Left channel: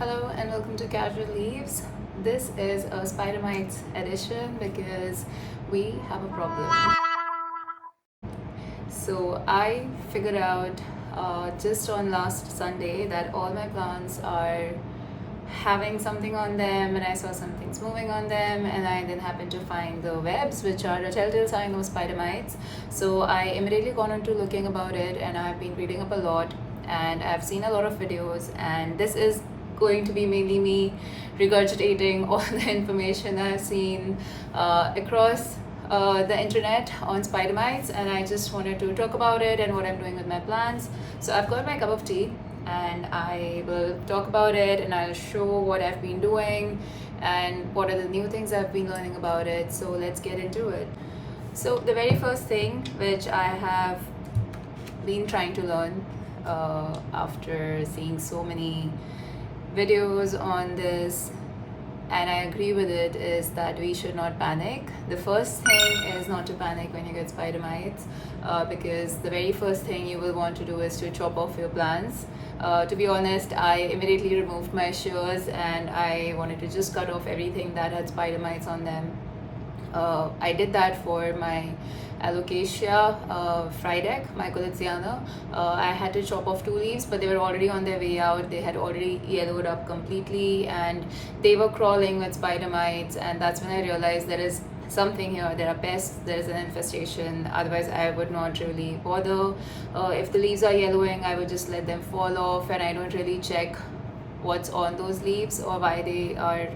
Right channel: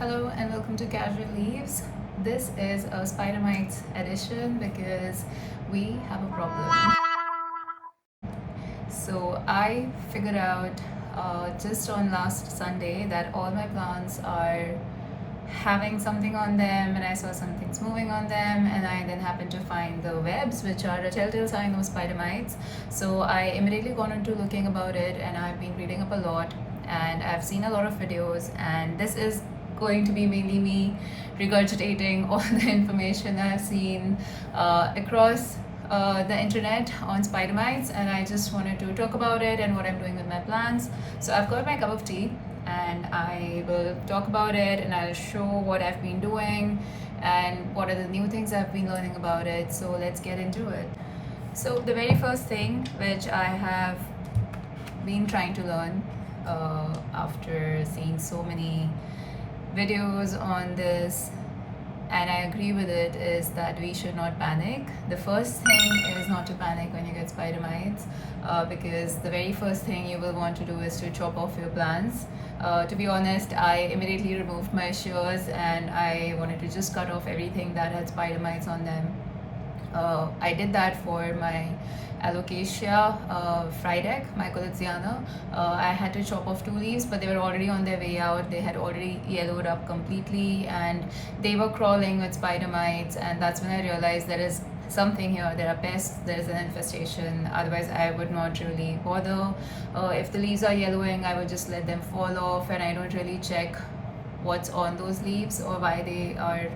Hello and welcome to Casual Leaves. This is a Spider Mites edition because we have a problem. So I figured out just on last Sunday that all my plants are having something on them, and I saw some things moving on them, and I then happened to find the webs, which are a telltale sign of spider mites. So I immediately got into looking about it, and I've been reading up a lot, and I've seen a lot of videos, and this is going to be mainly me regurgitating all the information I've seen across the internet on spider mites, and I just wanted to talk about it and what I'm doing with my plants. So I've got my cup of tea and I will talk about it, and I'll show what I've been doing and what are the new things I've been learning about it. So let's get into it. So the very first thing which I have been trying to learn after seeing so many videos on this, and I agree with it, is that we should not panic. The first thing is not to panic when you get spider mites, because the very first thing you will want to do is to chop off your plants. To be honest, I immediately removed my shears and I wanted to just cut off everything that had spider mites on them. I did that for my alocasia frydek, my Coliziana. I had to chop off 2 leaves, but they were already on their way out. They had already yellowed up completely and they were crawling with spider mites, and that's when I realized there is something here. There are pests, there is an infestation. Otherwise I would not really bother. If the leaves are yellowing, I would just let them fall off, and I don't really check what's on those leaves or why they are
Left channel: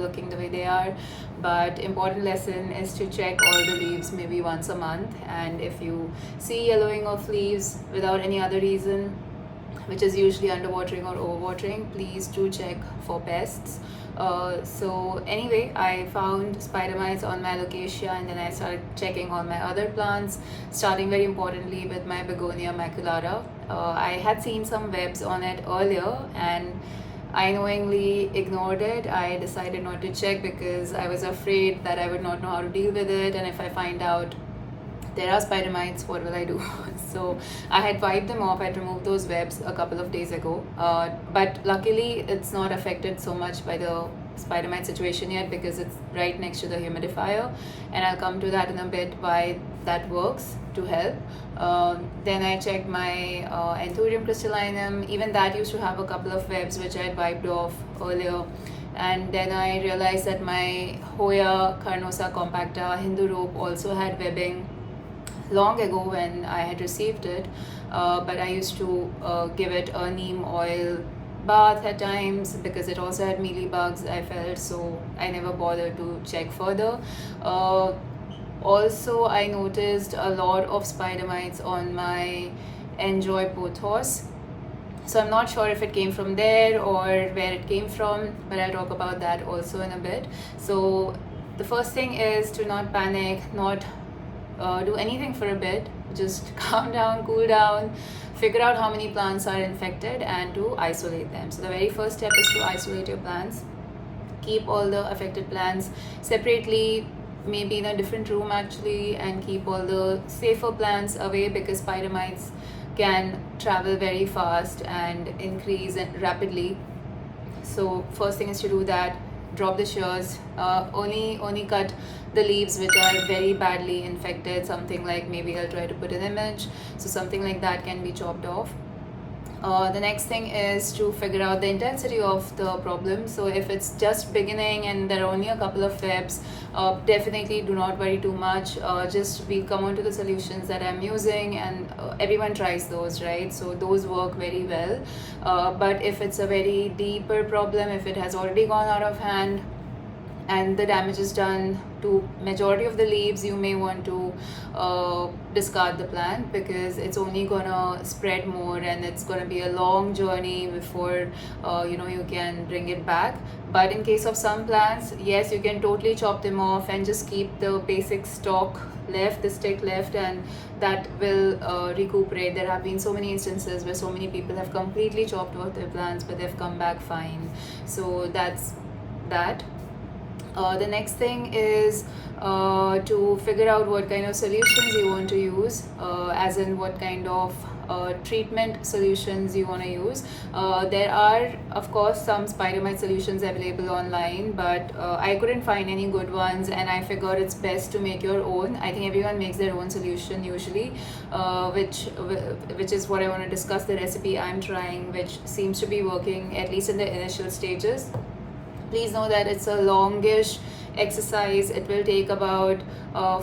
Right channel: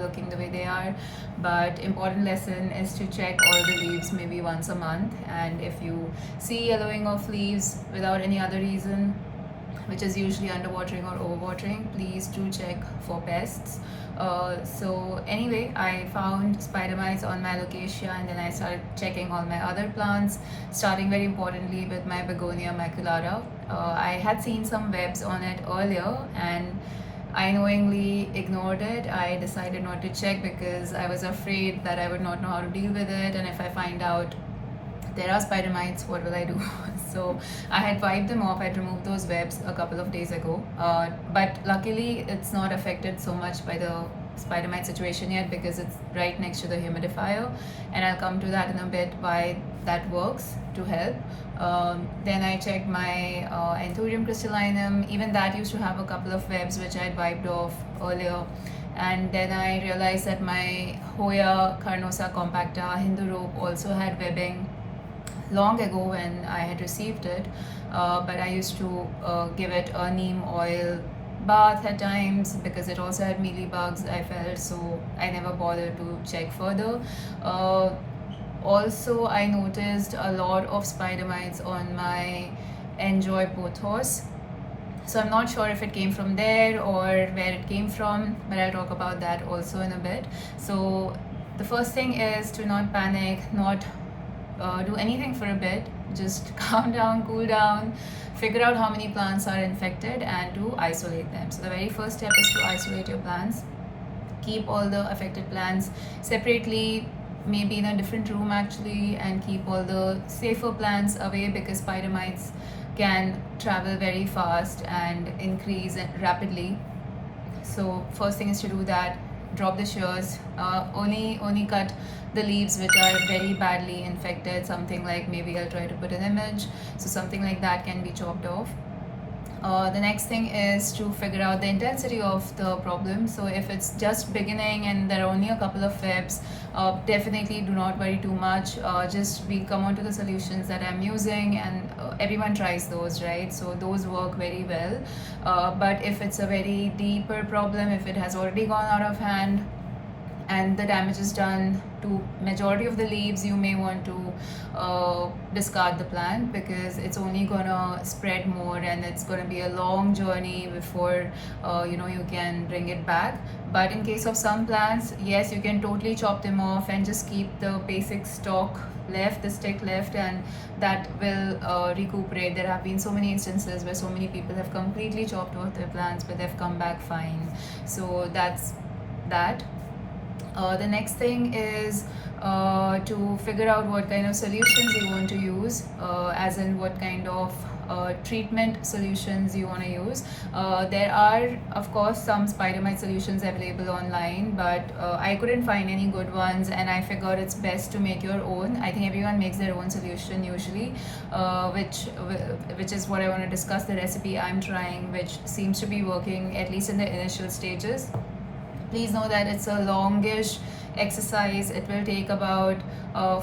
looking the way they are. But important lesson is to check all the leaves maybe once a month, and if you see yellowing of leaves without any other reason, which is usually underwatering or overwatering, please do check for pests. So anyway, I found spider mites on my alocasia, and then I started checking on my other plants, starting very importantly with my begonia maculata. I had seen some webs on it earlier and I knowingly ignored it. I decided not to check because I was afraid that I would not know how to deal with it, and if I find out there are spider mites, what will I do? So I had wiped them off. I'd removed those webs a couple of days ago, but luckily it's not affected so much by the spider mite situation yet because it's right next to the humidifier, and I'll come to that in a bit why that works to help. Then I checked my Anthurium crystallinum. Even that used to have a couple of webs which I had wiped off earlier. And then I realized that my Hoya carnosa compacta Hindu rope also had webbing long ago when I had received it, but I used to give it a neem oil bath at times because it also had mealybugs, I felt, so I never bothered to check further. Also, I noticed a lot of spider mites on my Enjoy pothos. So I'm not sure if it came from there or where it came from, but I'll talk about that also in a bit. So the first thing is to not panic, not do anything for a bit, just calm down, cool down, figure out how many plants are infected and to isolate them. So the very first step is to isolate your plants. Keep all the affected plants separately, maybe in a different room actually, and keep all the safer plants away because spider mites can travel very fast and increase rapidly. So first thing is to do that. Drop the shears, only cut the leaves which are very badly infected. Something like, maybe I'll try to put an image, so something like that can be chopped off. The next thing is to figure out the intensity of the problem. So if it's just beginning and there are only a couple of webs, definitely do not worry too much. Just we come on to the solutions that I'm using, and everyone tries those, right? So those work very well. But if it's a very deeper problem, if it has already gone out of hand and the damage is done to majority of the leaves, you may want to discard the plant because it's only gonna spread more and it's gonna be a long journey before you can bring it back. But in case of some plants, yes, you can totally chop them off and just keep the basic stalk left, the stick left, and that will recuperate. There have been so many instances where so many people have completely chopped off their plants but they've come back fine. So that's that. The next thing is to figure out what kind of solutions you want to use, as in what kind of treatment solutions you want to use. There are of course some spider mite solutions available online, but I couldn't find any good ones, and I figured it's best to make your own. I think everyone makes their own solution usually, which is what I want to discuss, the recipe I'm trying, which seems to be working at least in the initial stages. Please know that it's a longish exercise. It will take about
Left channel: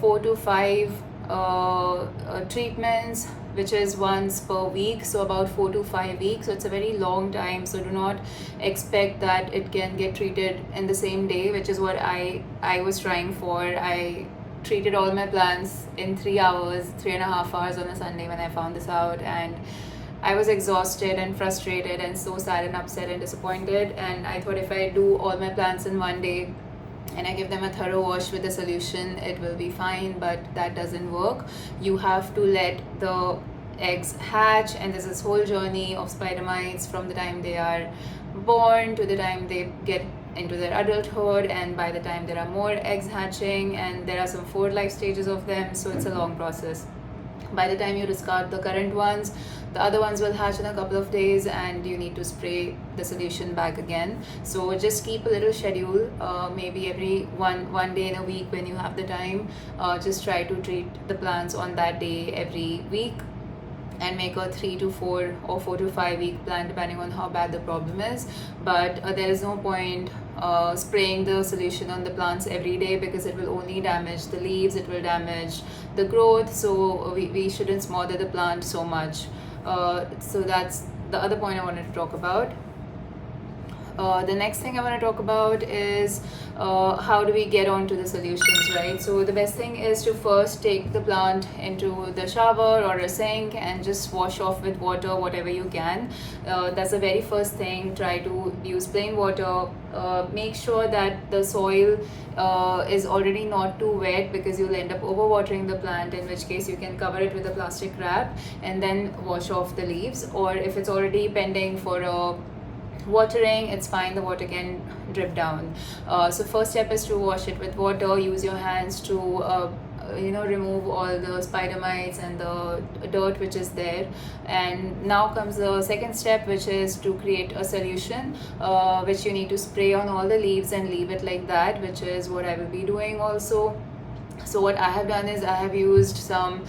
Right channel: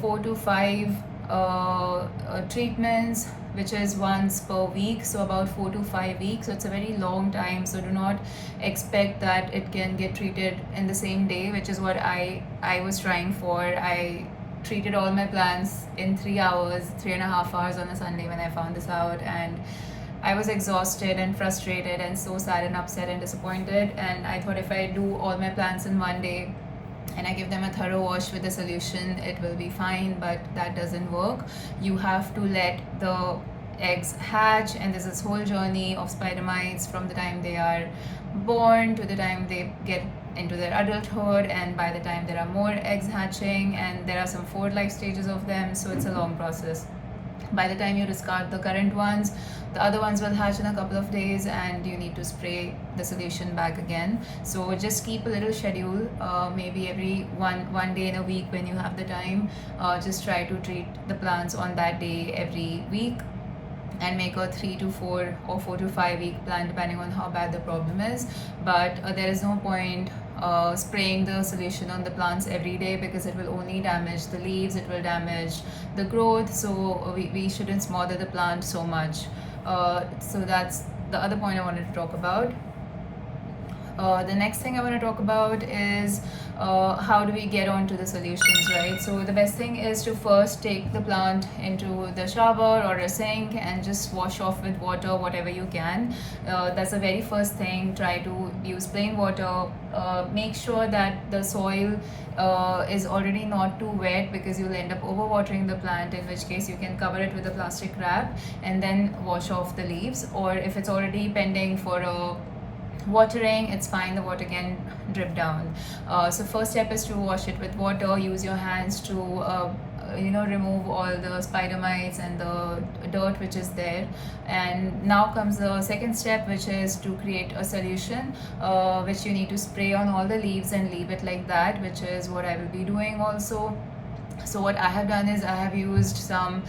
4 to 5 treatments, which is once per week, so about 4 to 5 weeks. So it's a very long time, so do not expect that it can get treated in the same day, which is what I was trying for. I treated all my plants in 3 hours, 3.5 hours on a Sunday when I found this out, and I was exhausted and frustrated and so sad and upset and disappointed, and I thought if I do all my plants in one day and I give them a thorough wash with the solution, it will be fine. But that doesn't work. You have to let the eggs hatch, and there's this whole journey of spider mites from the time they are born to the time they get into their adulthood, and by the time there are more eggs hatching, and there are some 4 life stages of them, so it's a long process. By the time you discard the current ones, the other ones will hatch in a couple of days, and you need to spray the solution back again. So just keep a little schedule, maybe every one day in a week when you have the time. Just try to treat the plants on that day every week, and make a 3 to 4 or 4 to 5 week plan depending on how bad the problem is. But there is no point spraying the solution on the plants every day, because it will only damage the leaves, it will damage the growth, so we shouldn't smother the plant so much. So that's the other point I wanted to talk about. The next thing I want to talk about is how do we get onto the solutions, right? So the best thing is to first take the plant into the shower or a sink and just wash off with water, whatever you can. That's the very first thing. Try to use plain water. Make sure that the soil is already not too wet, because you'll end up overwatering the plant, in which case you can cover it with a plastic wrap and then wash off the leaves. Or if it's already pending for a watering, it's fine, the water can drip down. So first step is to wash it with water. Use your hands to remove all the spider mites and the dirt which is there. And now comes the second step, which is to create a solution which you need to spray on all the leaves and leave it like that, which is what I will be doing also. So what I have done is I have used some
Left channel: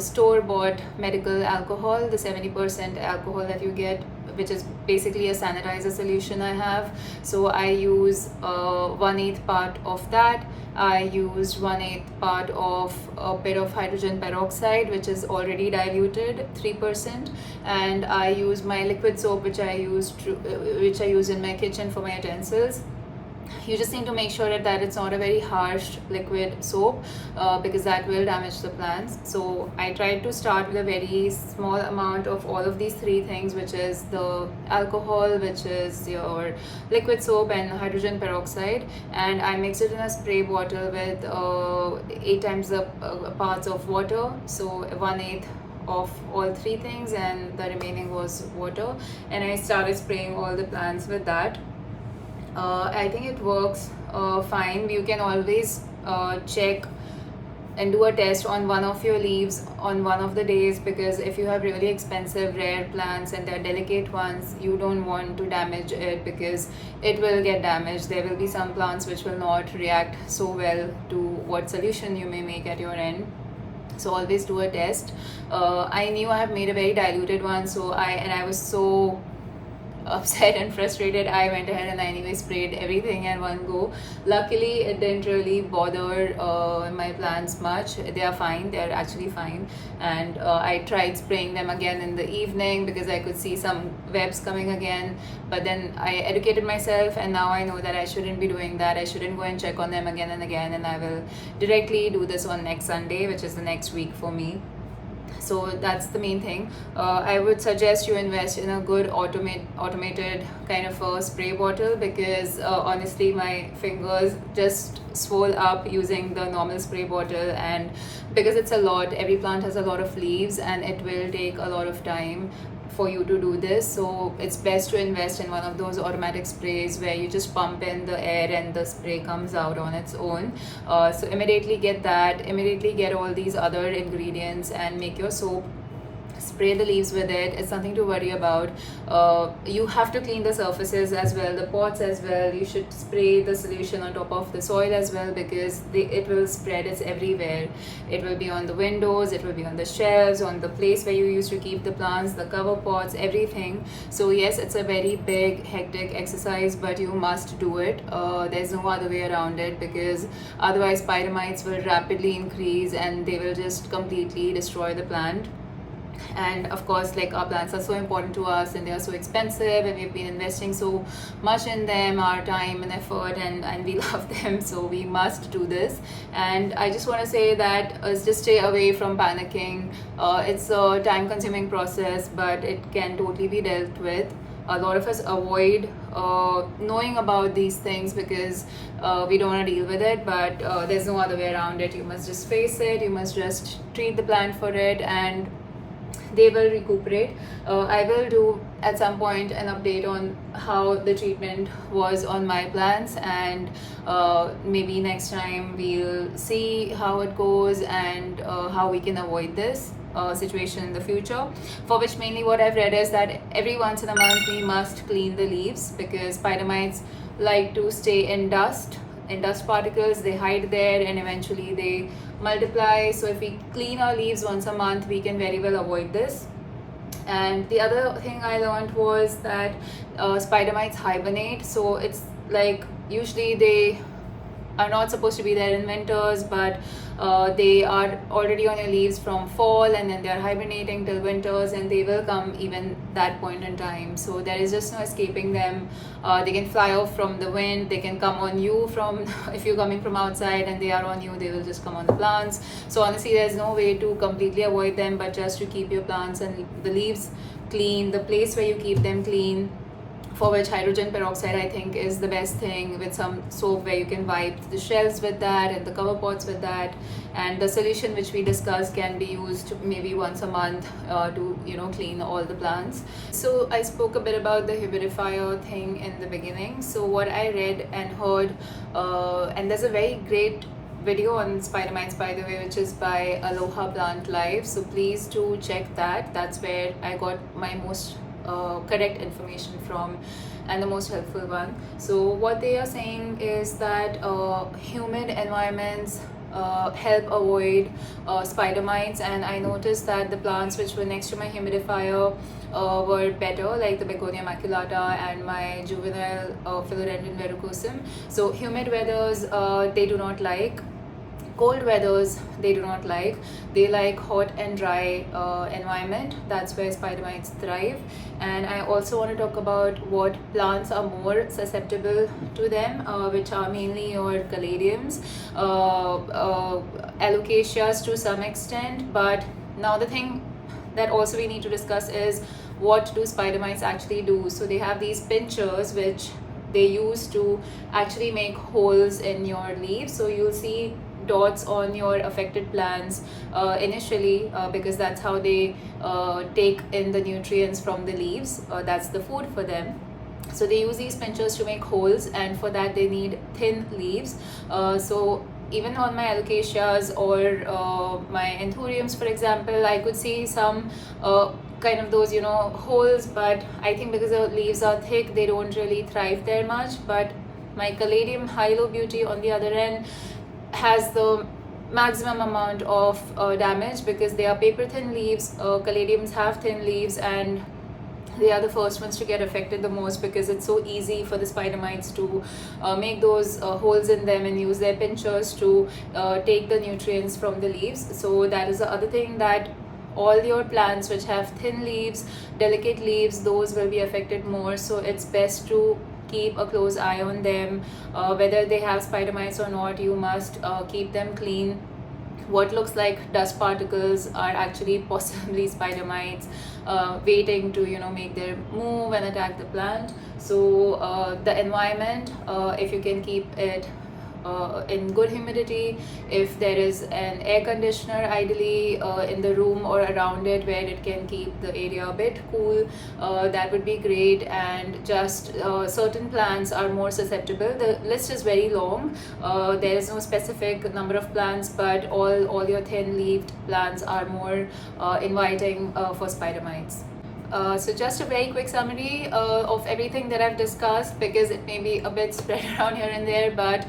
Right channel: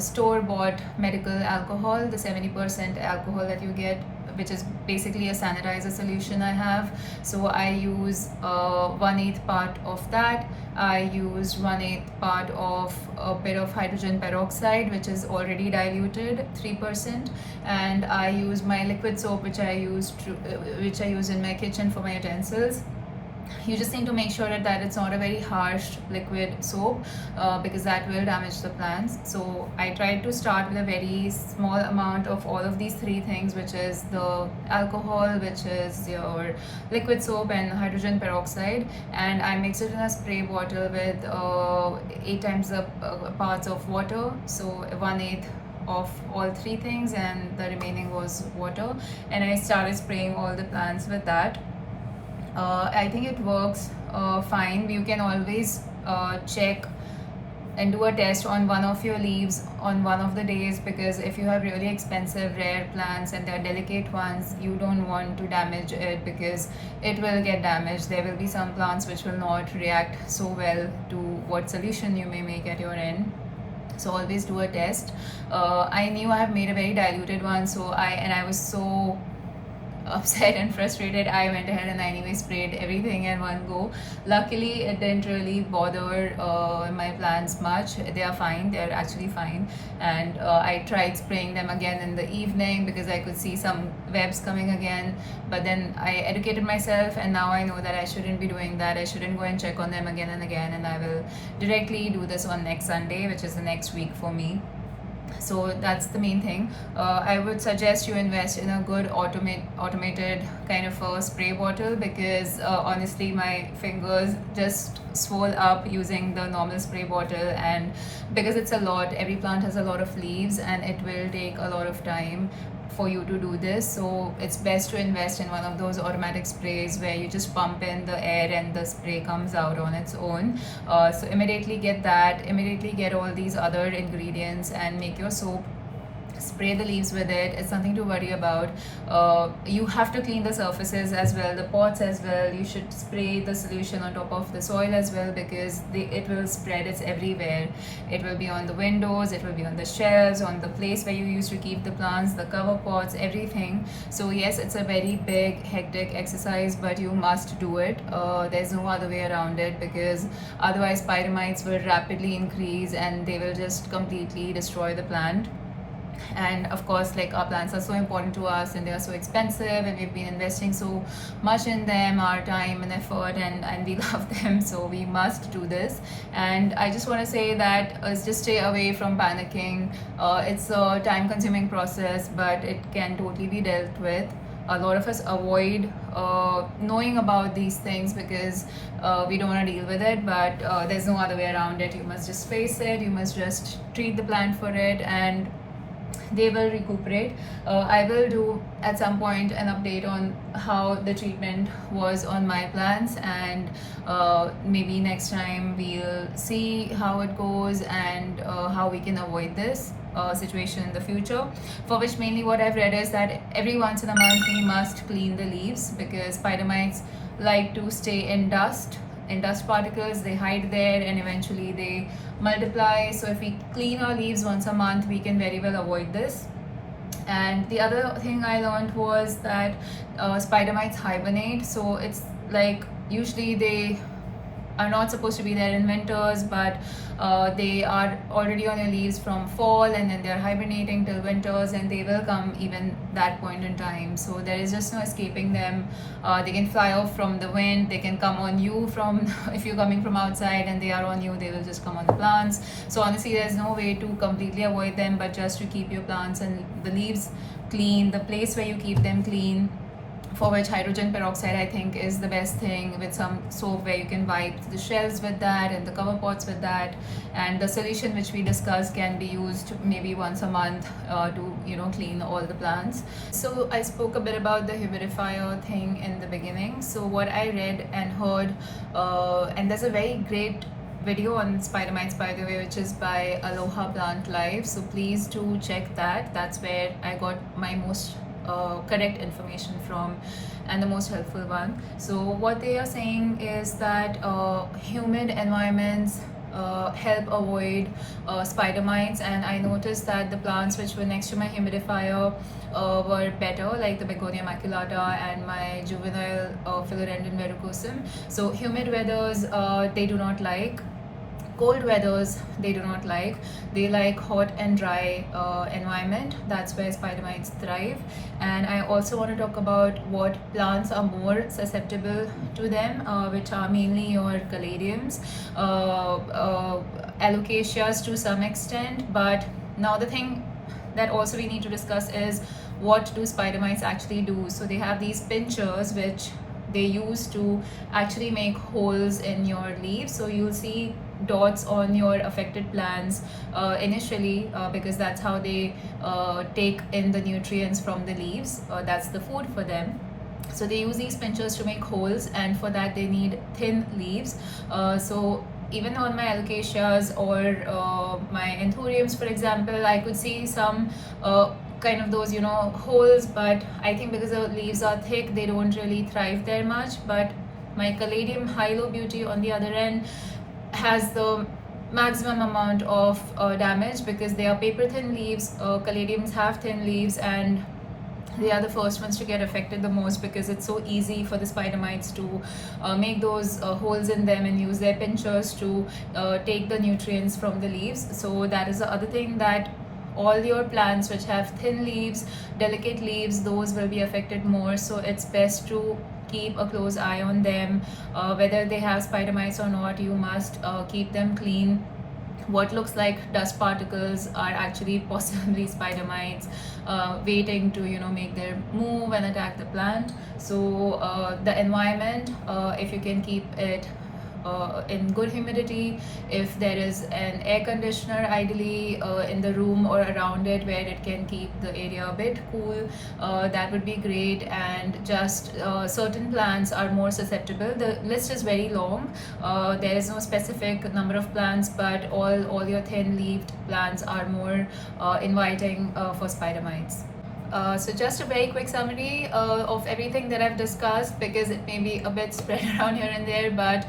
store-bought medical alcohol, the 70% alcohol that you get, which is basically a sanitizer solution I have. So I use 1/8 part of that. I used 1/8 part of a bit of hydrogen peroxide, which is already diluted 3%, and I use my liquid soap, which I use in my kitchen for my utensils. You just need to make sure that it's not a very harsh liquid soap, because that will damage the plants. So I tried to start with a very small amount of all of these 3 things, which is the alcohol, which is your liquid soap, and hydrogen peroxide, and I mixed it in a spray bottle with 8 times the parts of water. So 1/8 of all 3 things, and the remaining was water, and I started spraying all the plants with that. I think it works fine. You can always check and do a test on one of your leaves on one of the days, because if you have really expensive rare plants and they're delicate ones, you don't want to damage it, because it will get damaged. There will be some plants which will not react so well to what solution you may make at your end. So always do a test. I knew I have made a very diluted one, so I was so upset and frustrated, I went ahead and I anyway sprayed everything in one go. Luckily it didn't really bother my plants much. They are fine, they are actually fine. And I tried spraying them again in the evening, because I could see some webs coming again, but then I educated myself, and now I know that I shouldn't be doing that. I shouldn't go and check on them again and again, and I will directly do this on next Sunday, which is the next week for me. So that's the main thing. I would suggest you invest in a good automated kind of a spray bottle, because honestly my fingers just swell up using the normal spray bottle, and because it's a lot, every plant has a lot of leaves and it will take a lot of time for you to do this. So it's best to invest in one of those automatic sprays where you just pump in the air and the spray comes out on its own. So immediately get that, immediately get all these other ingredients and make your soap. spray the leaves with it. It's nothing to worry about. You have to clean the surfaces as well, the pots as well. You should spray the solution on top of the soil as well, because it will spread. It's everywhere. It will be on the windows, it will be on the shelves, on the place where you used to keep the plants, the cover pots, everything. So yes, it's a very big hectic exercise, but you must do it. There's no other way around it, because otherwise spider mites will rapidly increase and they will just completely destroy the plant. And of course, like, our plants are so important to us and they are so expensive, and we've been investing so much in them, our time and effort, and we love them, so we must do this. And I just want to say that just stay away from panicking. It's a time consuming process, but it can totally be dealt with. A lot of us avoid knowing about these things because we don't want to deal with it, but there's no other way around it. You must just face it, you must just treat the plant for it, and they will recuperate. I will do at some point an update on how the treatment was on my plants, and maybe next time we'll see how it goes and how we can avoid this situation in the future. For which mainly what I've read is that every once in a month we must clean the leaves, because spider mites like to stay in dust particles. They hide there and eventually they multiply. So if we clean our leaves once a month, we can very well avoid this. And the other thing I learned was that spider mites hibernate. So it's like, usually they are not supposed to be there in winters, but they are already on your leaves from fall, and then they're hibernating till winters, and they will come even that point in time. So there is just no escaping them. They can fly off from the wind, they can come on you from if you're coming from outside and they are on you, they will just come on the plants. So honestly, there's no way to completely avoid them, but just to keep your plants and the leaves clean, the place where you keep them clean, for which hydrogen peroxide I think is the best thing, with some soap where you can wipe the shelves with that and the cover pots with that. And the solution which we discussed can be used maybe once a month to clean all the plants. So I spoke a bit about the humidifier thing in the beginning. So what I read and heard, and there's a very great video on spider mites, by the way, which is by Aloha Plant Life, so please do check that. That's where I got my most correct information from, and the most helpful one. So what they are saying is that humid environments help avoid spider mites. And I noticed that the plants which were next to my humidifier were better, like the Begonia maculata and my juvenile Philodendron verrucosum. So humid weathers they do not like. Cold weathers they do not like. They like hot and dry environment. That's where spider mites thrive. And I also want to talk about what plants are more susceptible to them, which are mainly your caladiums, alocasias to some extent. But now the thing that also we need to discuss is, what do spider mites actually do? So they have these pinchers which they use to actually make holes in your leaves. So you'll see dots on your affected plants initially, because that's how they take in the nutrients from the leaves. That's the food for them. So they use these pinchers to make holes, and for that they need thin leaves. So even on my alocasias or my anthuriums, for example, I could see some kind of those holes, but I think because the leaves are thick, they don't really thrive there much. But my caladium Hilo Beauty, on the other end, has the maximum amount of damage, because they are paper thin leaves. Caladiums have thin leaves, and they are the first ones to get affected the most, because it's so easy for the spider mites to make those holes in them and use their pinchers to take the nutrients from the leaves. So that is the other thing, that all your plants which have thin leaves, delicate leaves, those will be affected more. So it's best to keep a close eye on them. Whether they have spider mites or not, you must keep them clean. What looks like dust particles are actually possibly spider mites waiting to make their move and attack the plant. So the environment, if you can keep it in good humidity. If there is an air conditioner ideally in the room or around it where it can keep the area a bit cool, that would be great. And just certain plants are more susceptible. The list is very long. There is no specific number of plants, but all your thin-leaved plants are more inviting for spider mites. So just a very quick summary of everything that I've discussed, because it may be a bit spread around here and there, but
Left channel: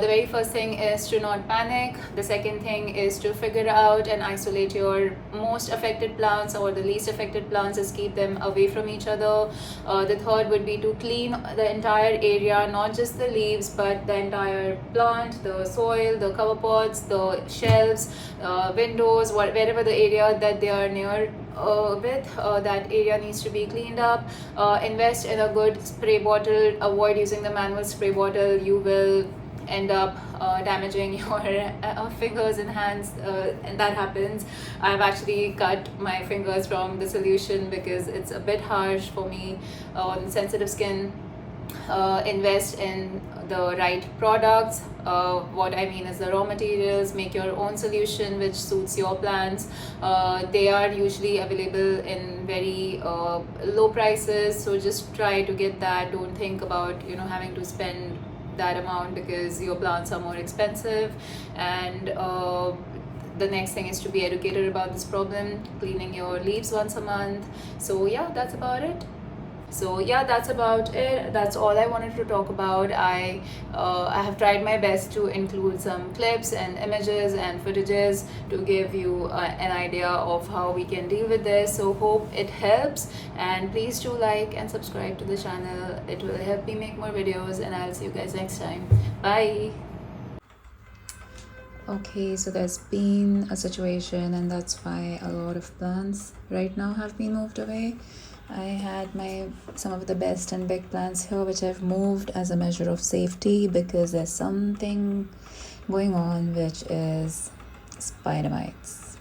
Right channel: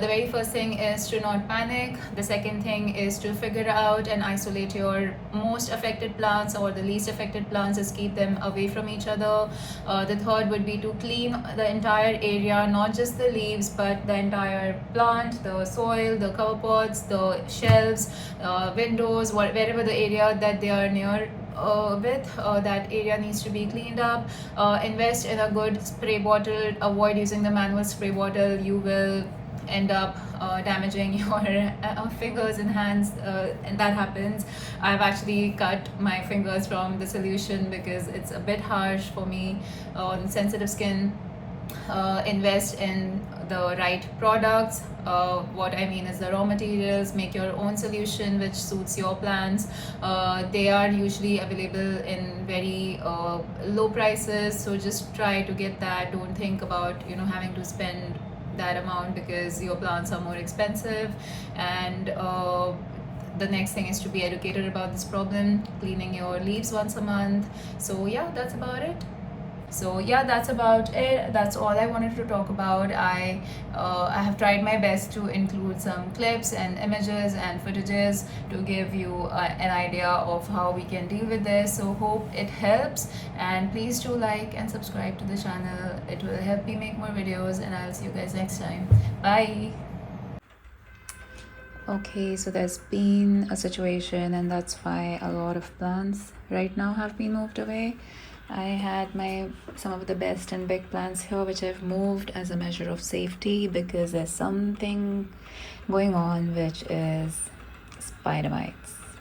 the very first thing is to not panic. The second thing is to figure out and isolate your most affected plants or the least affected plants, is keep them away from each other. The third would be to clean the entire area, not just the leaves, but the entire plant, the soil, the cover pots, the shelves, windows, wherever the area that they are near that area needs to be cleaned up. Invest in a good spray bottle. Avoid using the manual spray bottle. You will end up damaging your fingers and hands, and that happens. I've actually cut my fingers from the solution because it's a bit harsh for me on sensitive skin. Invest in the right products. What I mean is the raw materials. Make your own solution which suits your plants. They are usually available in very low prices, so just try to get that. Don't think about having to spend that amount because your plants are more expensive. And the next thing is to be educated about this problem, cleaning your leaves once a month. So yeah, that's about it. So yeah, that's about it. That's all I wanted to talk about. I have tried my best to include some clips and images and footages to give you an idea of how we can deal with this. So hope it helps, and please do like and subscribe to the channel. It will help me make more videos, and I'll see you guys next time. Bye. Okay, so there's been a situation, and that's why a lot of plants right now have been moved away. I had some of the best and big plants here, which I've moved as a measure of safety because there's something going on, which is spider mites.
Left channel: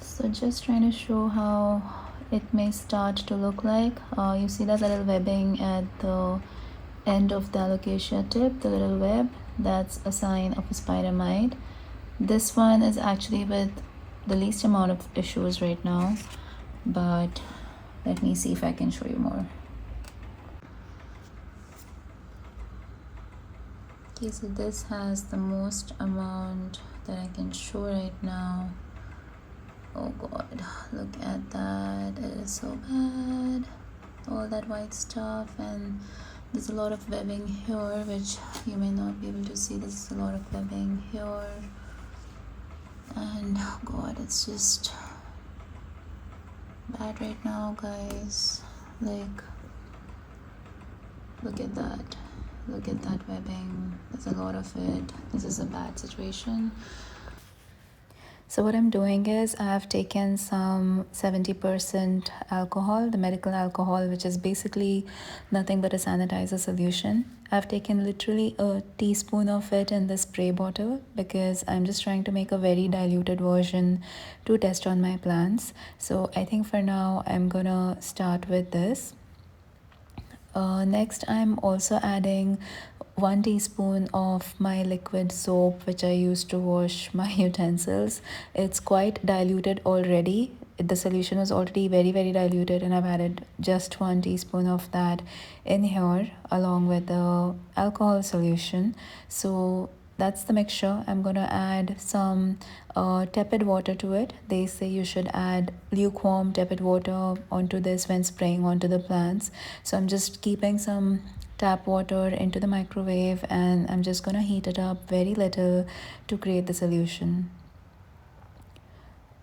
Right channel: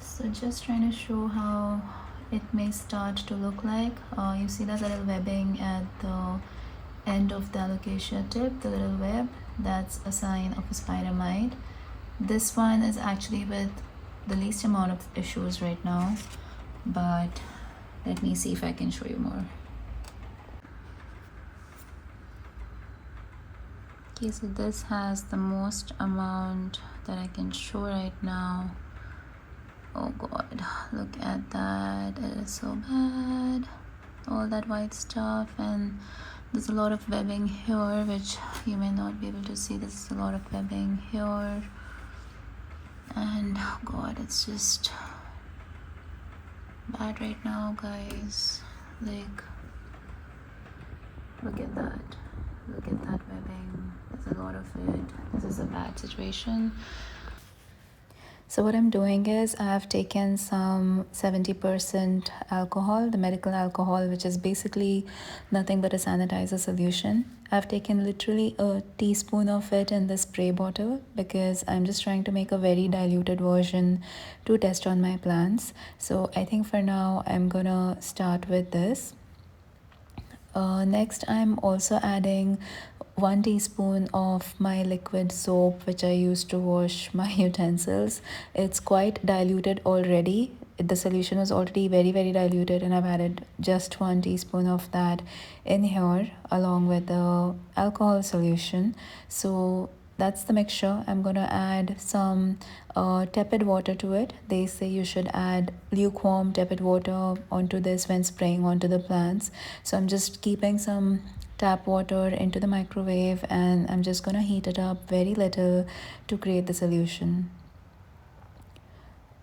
So just trying to show how it may start to look like. You see that little webbing at the end of the alocasia tip, the little web, that's a sign of a spider mite. This one is actually with the least amount of issues right now, but let me see if I can show you more. Okay, so this has the most amount that I can show right now. Oh god, look at that, it is so bad, all that white stuff. And there's a lot of webbing here, which you may not be able to see. There's a lot of webbing here, and oh god, it's just bad right now, guys. Like, look at that webbing. There's a lot of it. This is a bad situation. So what I'm doing is I've taken some 70% alcohol, the medical alcohol, which is basically nothing but a sanitizer solution. I've taken literally a teaspoon of it in the spray bottle because I'm just trying to make a very diluted version to test on my plants. So I think for now I'm gonna start with this. Next, I'm also adding 1 teaspoon of my liquid soap, which I use to wash my utensils. It's quite diluted already. The solution was already very diluted, and I've added just 1 teaspoon of that in here along with the alcohol solution. So that's the mixture. I'm gonna add some tepid water to it. They say you should add lukewarm tepid water onto this when spraying onto the plants. So I'm just keeping some tap water into the microwave, and I'm just gonna heat it up very little to create the solution.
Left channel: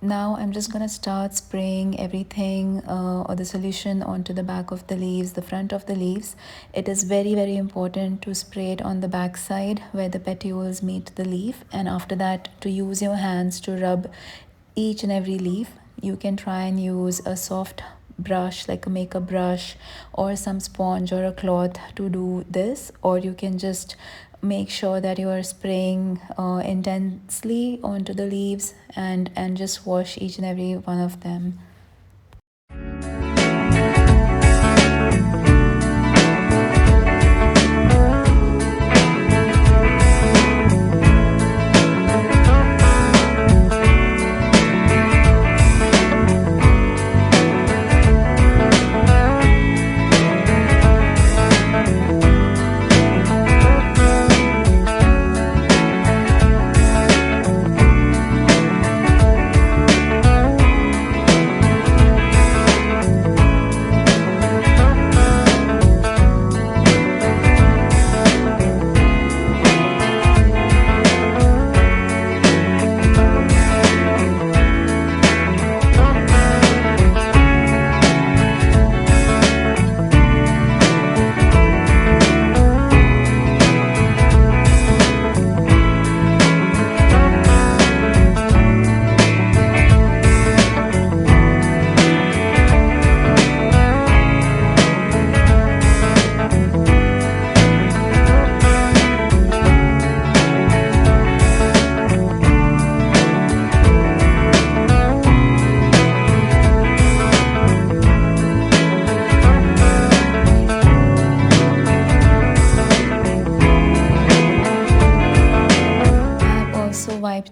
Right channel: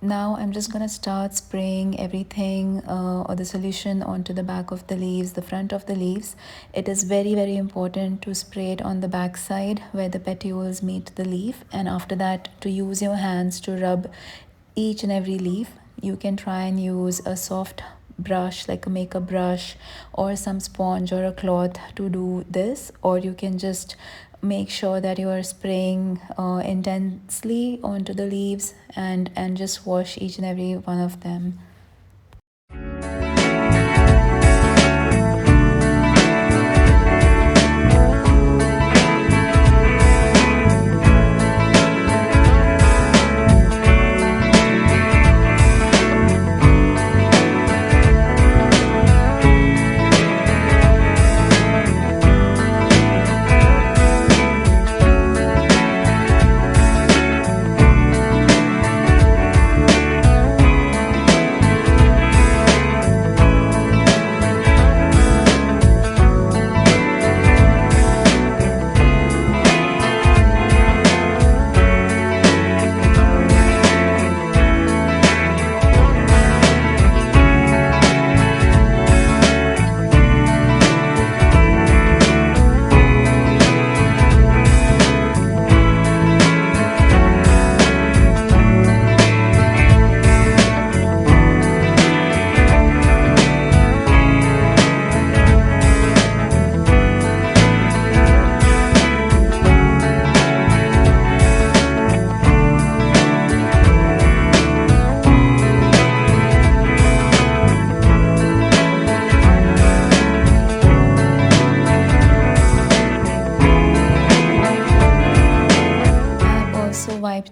Now I'm just gonna start spraying everything or the solution onto the back of the leaves, the front of the leaves. It is very important to spray it on the back side where the petioles meet the leaf, and after that to use your hands to rub each and every leaf. You can try and use a soft brush like a makeup brush or some sponge or a cloth to do this, or you can just make sure that you are spraying intensely onto the leaves and just wash each and every one of them.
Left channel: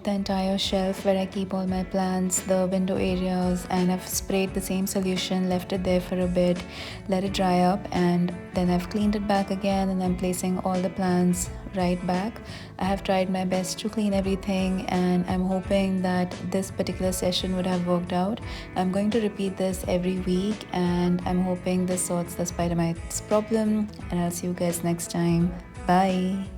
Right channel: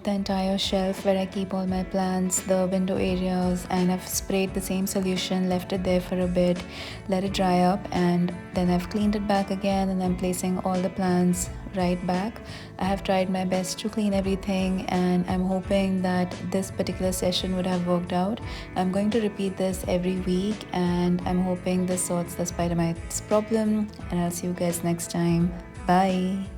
the entire shelf where I keep all my plants, the window areas, and I've sprayed the same solution, left it there for a bit, let it dry up, and then I've cleaned it back again, and I'm placing all the plants right back. I have tried my best to clean everything, and I'm hoping that this particular session would have worked out. I'm going to repeat this every week, and I'm hoping this sorts the spider mites problem, and I'll see you guys next time. Bye.